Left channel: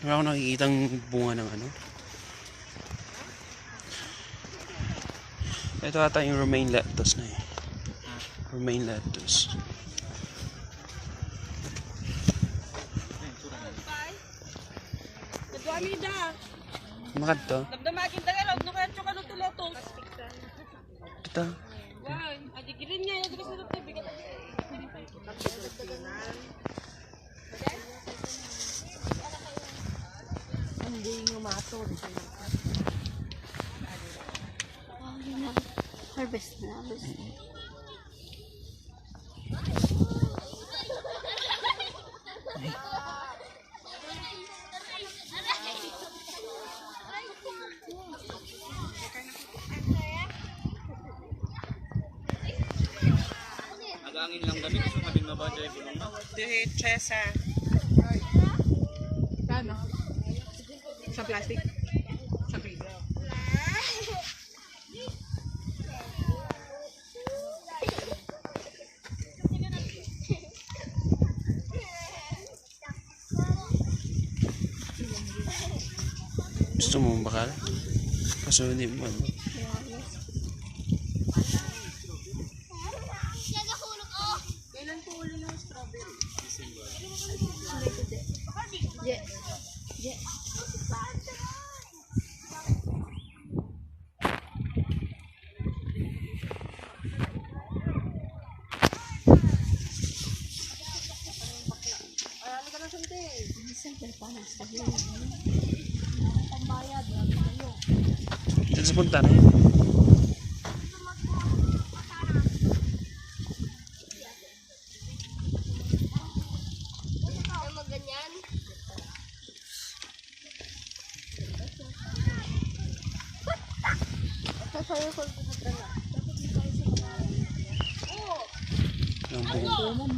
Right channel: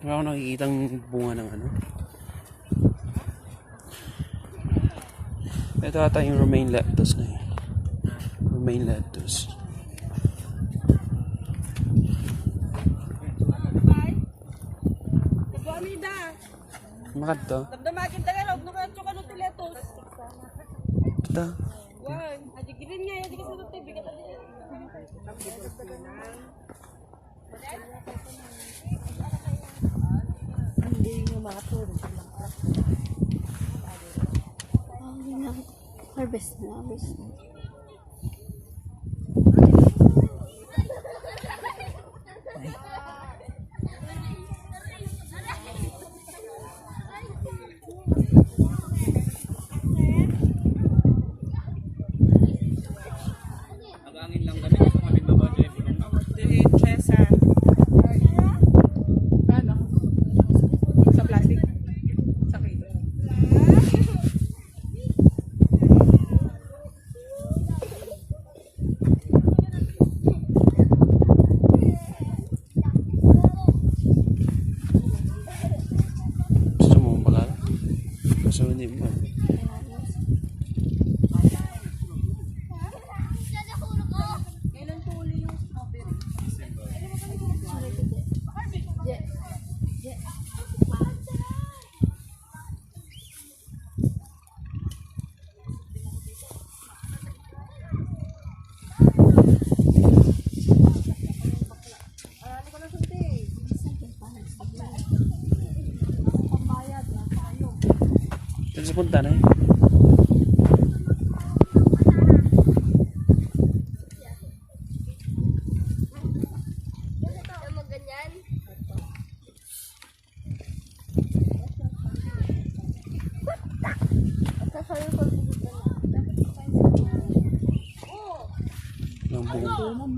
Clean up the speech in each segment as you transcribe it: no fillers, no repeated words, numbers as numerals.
Wala ako nakikitang bunga ng ano. Ito ata yung romaine lettuce na yun. Romaine lettuce. Makad to? Damdamakin tayo, huwag nung kaya tsuka ng tileto. Ito. Wow, adigirin niya, yung sa luto, bigat. Hindi yung matod. Oh, yun na. Harvest na. Harvest na. Agangin lang kami gusto kami mabadya yung Chesa. Ano? Sa plastic? Sa piso. Gusto mo bakal? Kaso hindi mo. Diyan sa punta na yun. Ng buong.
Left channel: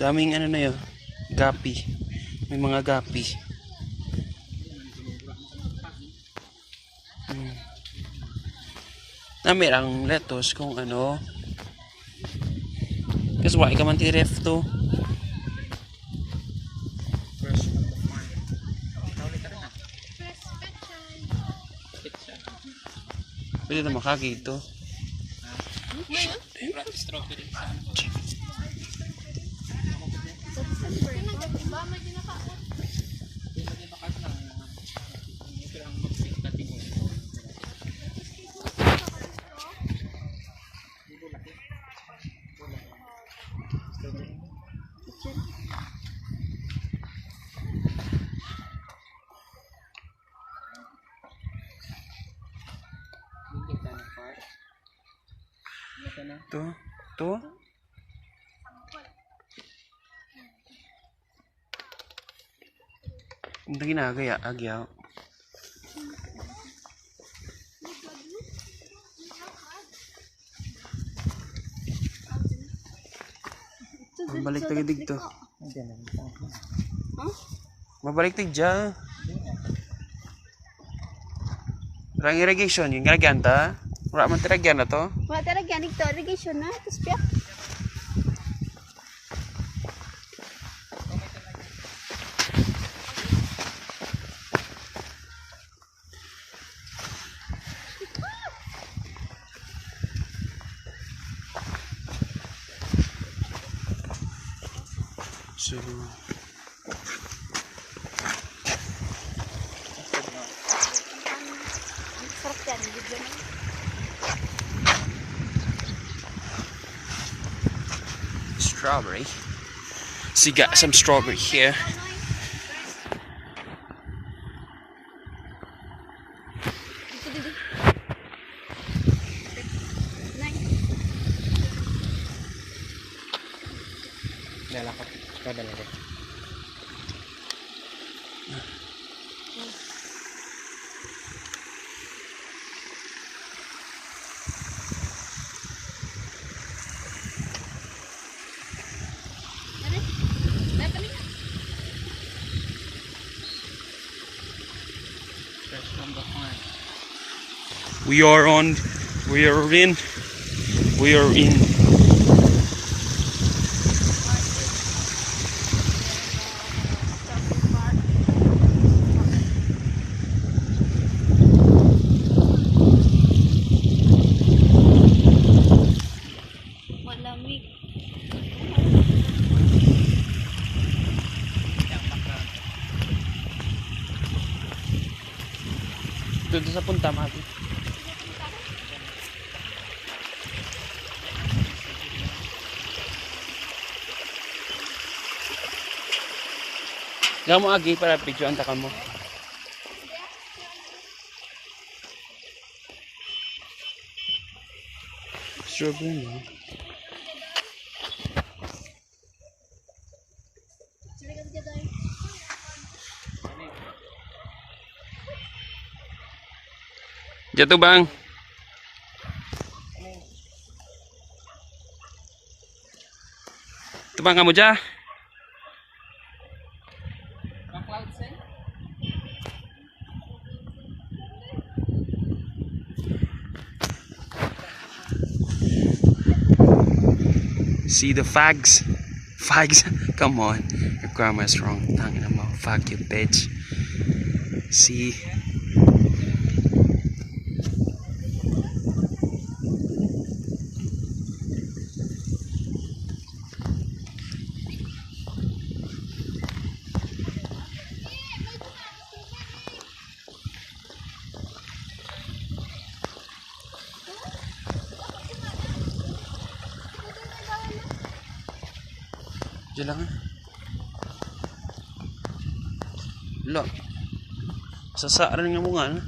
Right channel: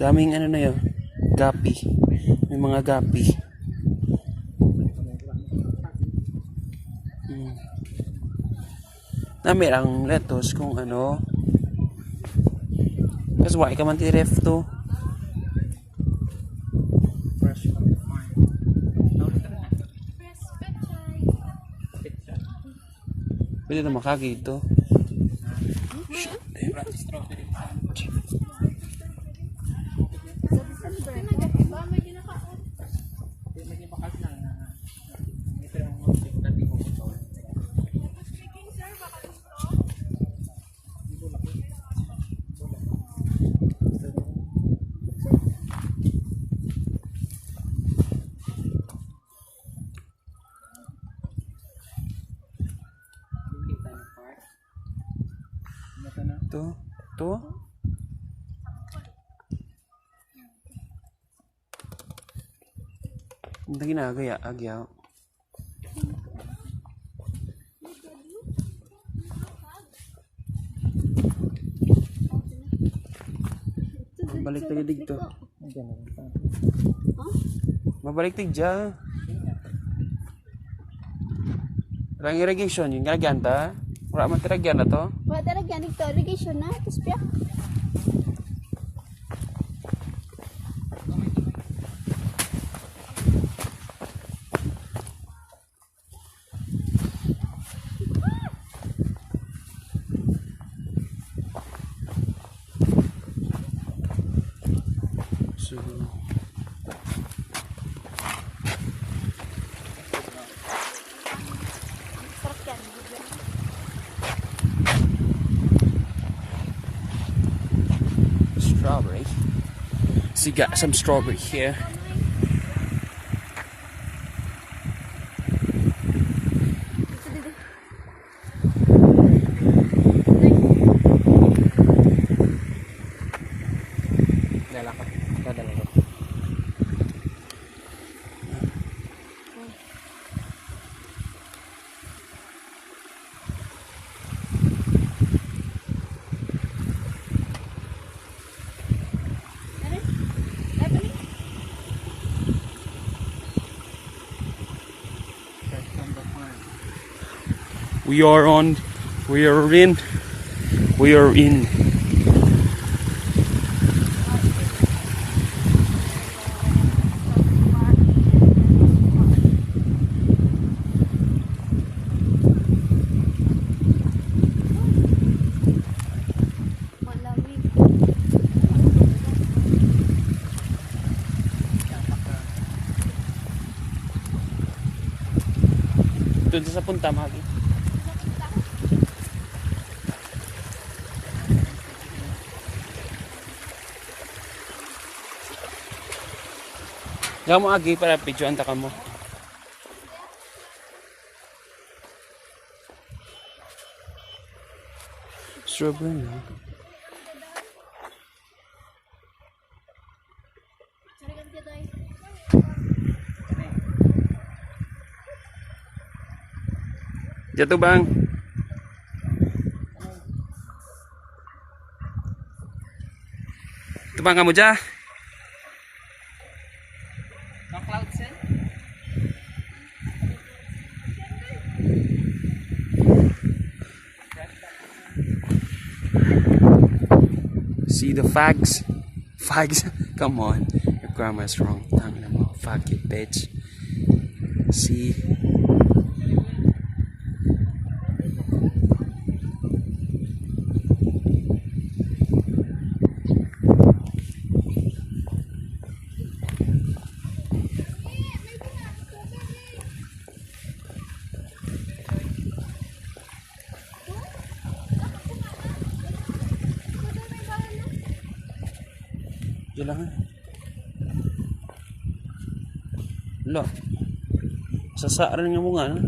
Daming ano na yun. Gapi. May mga gapi. Namin ang lettuce kung ano. Kasi wala ka man tiref to. Pwede na makagi ito. strawberry. Ito. Hindi ginagaya, agyaw. Mabalik tayo dito. Mabalik tayo dyan. Rang irrigation, yung ginagyan ta. Wala man tiragyan na to. Wala talaga ito. Irrigation na. Tapos piyak. So, strawberry. So you got some strawberry here. Lalakot. We are on. We are in. We are in. Malamig. Doon sa punta, Magi. Gamo agi para picture anta ka mo. Strawberry na. Jatuh bang. Itu bang kamu jah. See the fags? Fags? Come on. Your grammar's wrong. Tangin mo. Fuck you, bitch. See? Diyan lang. Lo. Sasaaran nga mo nga. No?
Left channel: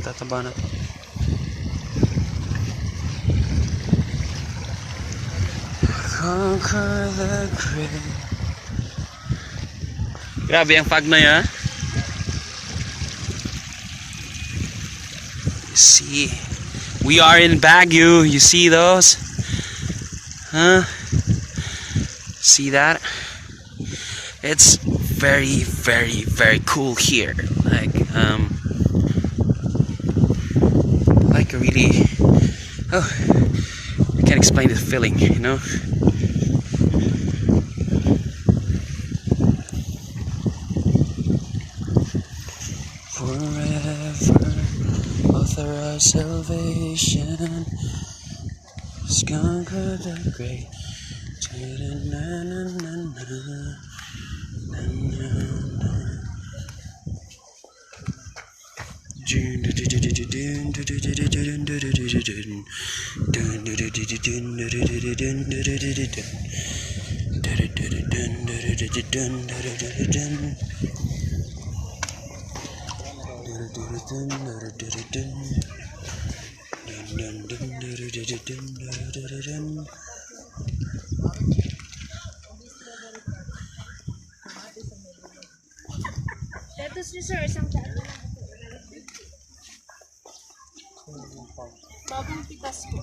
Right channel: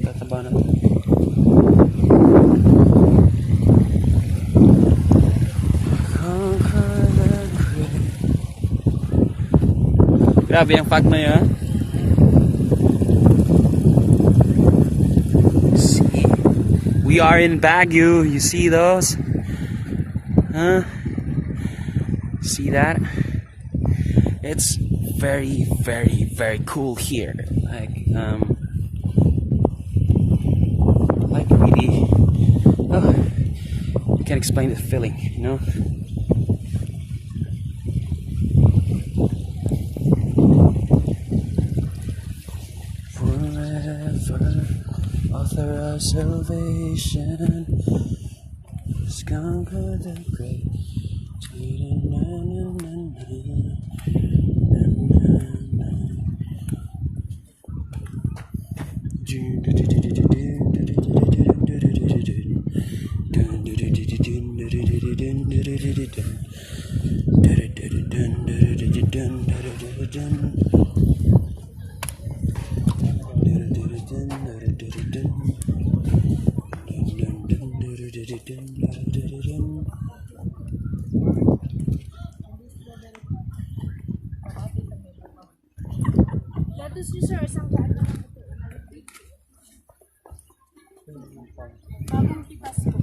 Tataba na. Conquer the great. Grabe ang fog na yan. See, we are in Baguio. You see those? Huh? See that? It's very, very, very cool here. Like really. Oh, I can't explain this feeling. You know. Forever. Author of salvation, conquer the great. Datos ni sir, isang daan. Bagong pitas ko.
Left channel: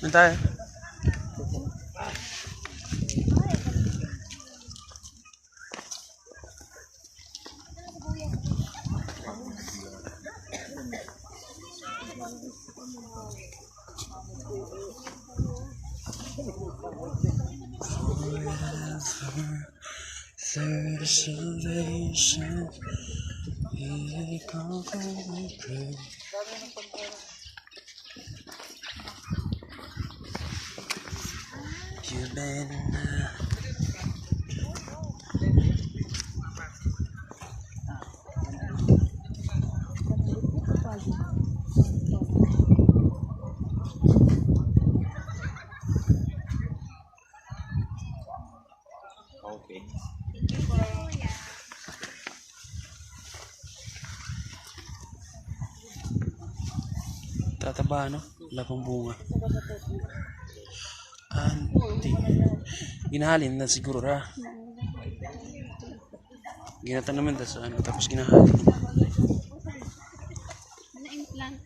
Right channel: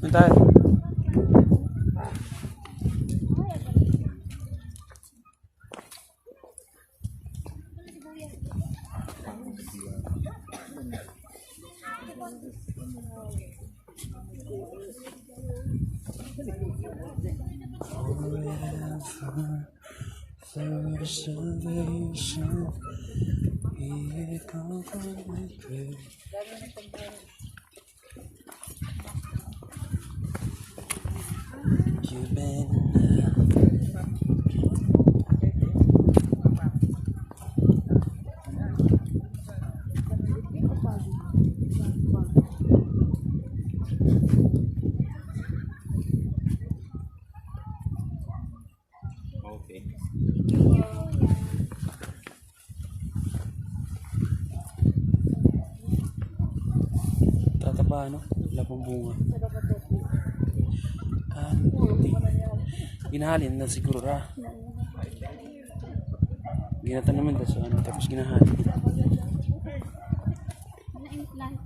Nanti. Forever, there's salvation. He conquered the grave. You've been okay. Tataba, no? Wala pang bunga. Anti. Ginahalin na siguro ra. Ginatan naman sa ano, tapos ginahalin. Ano yung plant?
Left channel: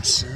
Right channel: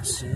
Asa?